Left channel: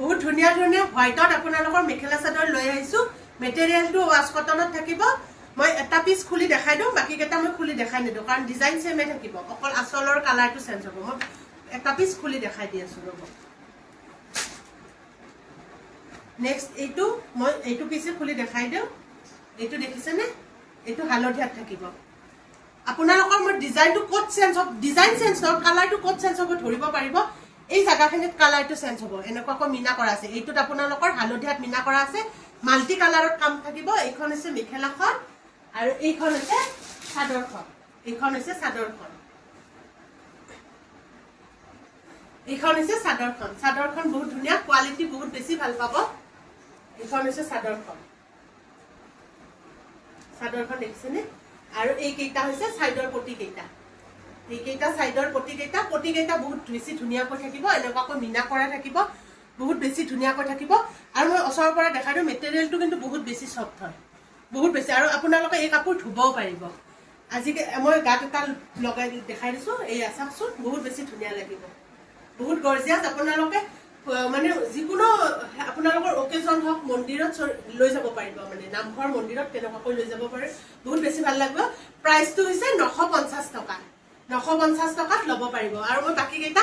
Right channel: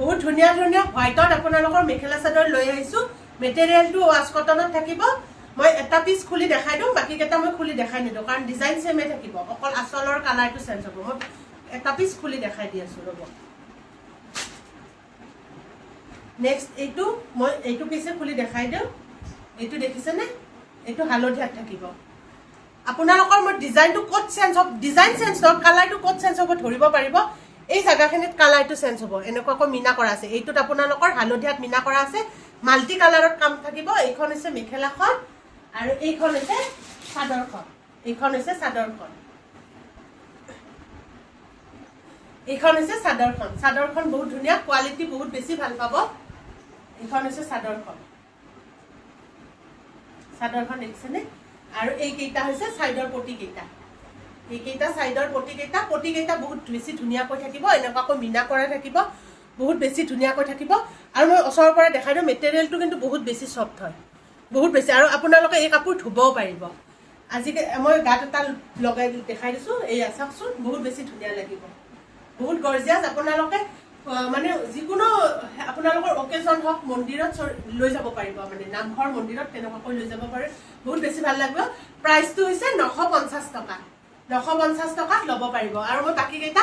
বহুত ধুনীয়া ধুনীয়া হোৱাইটত আপোনালোকৰ মেখেলা চাদৰ লৈ আহিছোঁ। মেটেৰিয়েলটো ৱাছ কটনত থাকিব। মই এটা পিচ খুলি দেখাই দিওঁ, বাকীকেইটা মই খুলি দেখাই নিদিওঁ, কাৰণ ডিজাইন ছেমে থাকিব, অকল আঁচলৰ কালাৰটো চেঞ্জ হ'ব। মই এটা পিচ খুলি দেখাই দি আছোঁ, ৰ'ব। নেক্সট এইটো মই এইটো পিছে খুলি দেখাই দিওঁ। এইটো দেখিছেনে? এইটো হালধীয়াত থাকিব। আপোনালোকৰ মোৰ ডিজাইনটো ক'ত চেঞ্জ হ'ব, ডিজাইন চেঞ্জ নহওক, কালাৰটো ক'ত চেঞ্জ হ'ব ধৰিব পাৰিব। এই জাগাখিনিত কালাৰটো চেঞ্জ হ'ব, এনেকুৱাকৈ মিনা কৰা আছে। এইটোত আপোনালোকৰ হালধীয়াত মিনা কৰা আছে, মাল্টি কালাৰত কাম থাকিব। এইখন হৈছে মেখেলাখন আৰু এইখন হৈছে চাদৰখন। এইখন হৈছে চাদৰখন, এইখন হৈছে চাদৰখন। চাদৰখন বহুত ধুনীয়া, কোৱালিটি বহুত বেছি ভাল পাব। এইখন হৈছে চাদৰখন, চাদৰখন দেখিছেনে? আৰু এইকেইটা হৈছে চাইডৰ পটিকেইটা। এইকেইটা চাইডৰ পটিকেইটা, পটিকেইটা বহুত বেছি ধুনীয়াকৈ থাকিব, এনেকুৱাকৈ মিনা কৰা থাকিব, বহুত বেছি ধুনীয়াকৈ থাকিব। আৰু মই ওচৰৰ পৰা দেখাই দিওঁ, মেটেৰিয়েলটো কিন্তু বহুত বেছি চফ্ট হয়, বহুত বেছি। আৰু আপোনালোকে এই কাপোৰ ধুবও পাৰিব। আজিকালি মই গাত এটা লগাই দেখাই দিছোঁ, এয়া চাওকচোন, বহুত বেছি ধুনীয়া লাগিব, বহুত গৰ্জিয়াছ। আপোনালোকে মানে যিকোনো আপোনালোকৰ অকেজন হওক, মন্দিৰত লৈ যাব পাৰিব, মানে নামঘৰ মন্দিৰত তেনেকুৱাকৈ লৈ যাব পাৰে, বহুত বেছি ভাল লাগিব। প্ৰাইচটো হৈছে 950 টকা। 950 টকাত ল'ব পাৰিব। আৰু মই বাকীকেইটা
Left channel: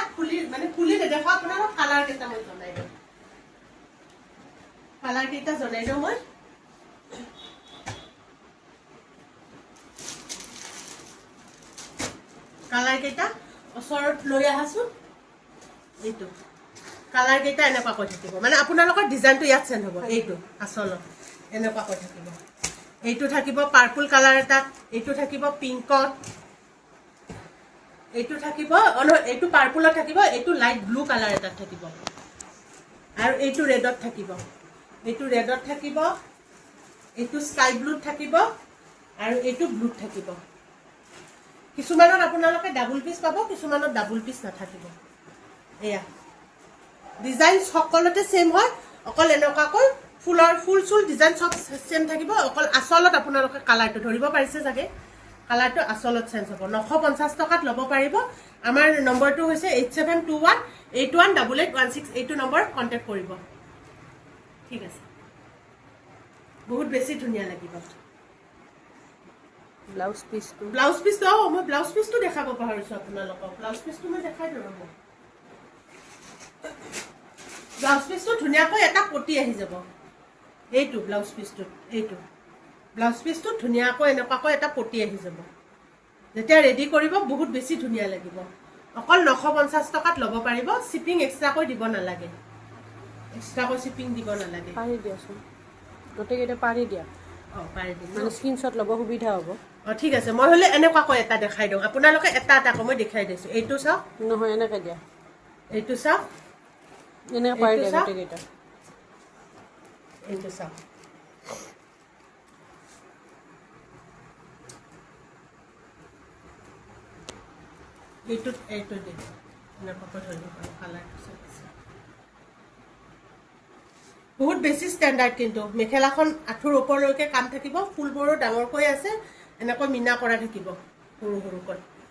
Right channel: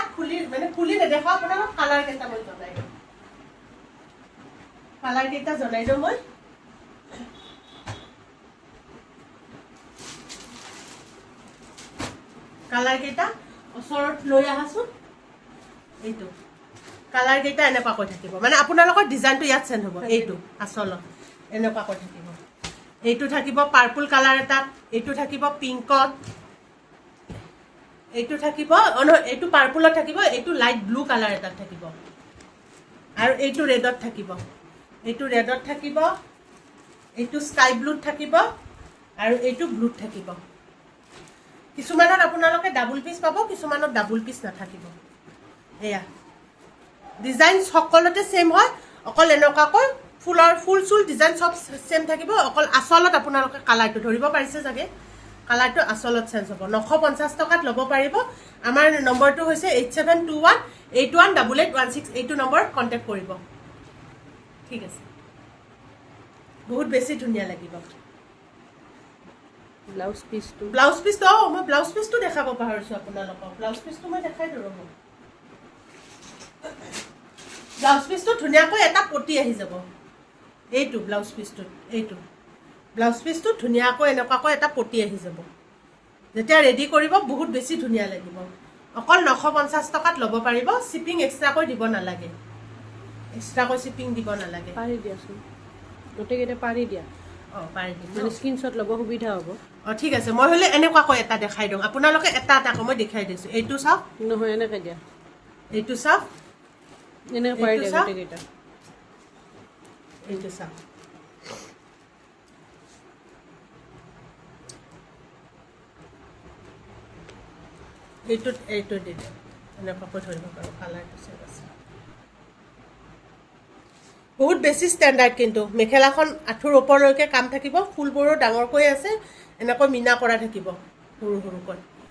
খুলি নেদেখাওঁ, আপোনালোক কালাৰ কেইটা মই জনাই দিওঁ, কালাৰ কেইটা জনাই দিওঁ মই। কালাৰ কেইটা ওচৰত লৈ আহাচোন। এইটো কালাৰ কেইটা এনেকুৱাকৈ থাকিব, মানে আপোনালোকৰ ডিজাইনটো ইয়াত চেঞ্জ হ'ব। এইটো আচলত এনেকুৱাকৈ থাকিব। এইটো থাকিব পাৰ্পল কালাৰ এটাত, এইটো থাকিব পিংকত, এইটো থাকিব এইটো পাৰ্পলত থাকিব, এইটো লাইট ব্লু কালাৰ এটাত থাকিব, আৰু এইটো ৰেডত থাকিব, এইটো ৰেডত থাকিব, এইটো স্কাই ব্লুত থাকিব, আৰু এইটো ব্লুত থাকিব। কিছুমানত আপোনালোকে ডাবুল পিচ পাব, কিছুমানত ডাবুল পিচ নাথাকিব। এয়া ডিজাইন সকলোতে সেম হয়, অকল এনেকুৱাকৈ ফুল চুল ডিজাইন চব সেম থাকিব, অকল আচলত আপোনালোকে কালাৰটো ধৰিব পাৰিছে চাগে, কালাৰটো আচলত চেঞ্জ হ'ব। 950 টকাত ল'ব পাৰিব। আমাৰ নম্বৰটো হৈছে 8721818816। এইটো নম্বৰত কণ্টেক্ট কৰিব, ঠিক আছে। বহুত বেছি ধুনীয়া লাগিব। ব্লাউজ পিচটো মই ব্লাউজ পিচটো দেখাব পাহৰিছোঁ আপোনালোকক। ব্লাউজ পিচটো মই দেখাই দিওঁ, ৰ'ব। ব্লাউজ পিচটো ধুনীয়াকৈ এটা পটি আহি যাব। এইটো ব্লাউজ পিচটোত, এইটো ব্লাউজ পিচটো ধুনীয়াকৈ এনেকুৱাকৈ এটা পটি আহি যাব। যেতিয়া ৰেডি কৰিব বহুত বেছি ধুনীয়া লাগিব। অকল 950 টকাত ল'ব পাৰিব। শ্বিপিং এক্সট্ৰাকৈ দিব নালাগে, এক্সট্ৰাকৈ শ্বিপিং দিব নালাগে। পাৰি দিয়াচোন, গোটেইকেইটা পাৰি দিয়া। পাৰি দিম, মানে স্ক্ৰীনশ্বট ল'ব সুবিধা হ'ব। ঠিক আছে। মই হ'লে এনেকুৱাকৈ এটা দেখাই দিওঁ, আপোনালোকে এটা এটাকৈ মই দেখাই দিছোঁ। এইটো চাওক, নহয় এনেকৈ দিয়া, এইটো চাওক, এনেকৈ পাৰি দিয়া গোটেইকেইটা। এইটো চাওক, এইটো দিম, এনেকুৱাকৈ ধৰিব পাৰোঁ। কালাৰটো চব আছে, বহুত বেছি ষ্টেণ্ডাৰ্ড। কিন্তু মেখেলাখন আঁঠুৰ ওপৰলৈকে কাম থাকিব, ফুলবোৰো ডাঙৰকৈ আছে, এনেকৈ মিনা কৰা থাকিব সৰু সৰুকৈ।